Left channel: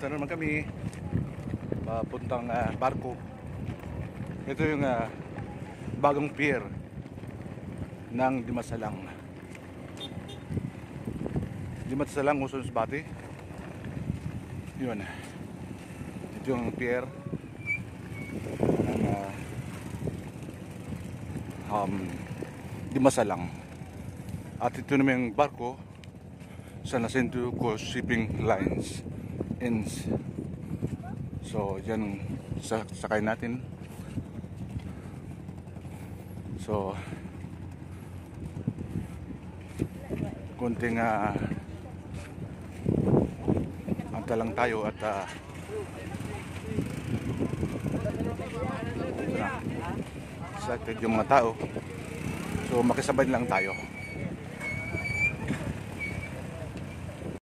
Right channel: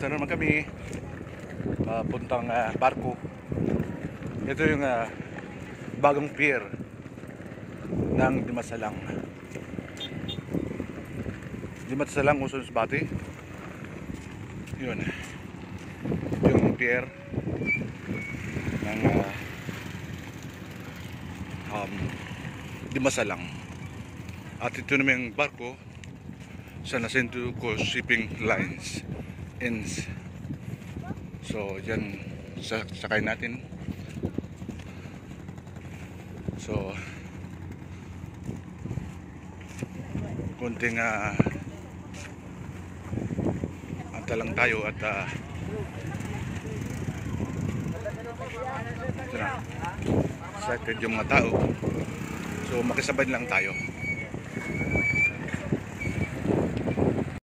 Punta naman kami papuntang barko. Ito yung bagong pier ng Dimasalang. Dimasalang, Quezon City. Yun. Ito yung pier ng Dimasalang. At ito naman yung barko sa Nascento Coast Shipping Lines ends. So yan, sakay natin. So konting anta lang tayo at excited yung mga tao. So makisabay lang tayo.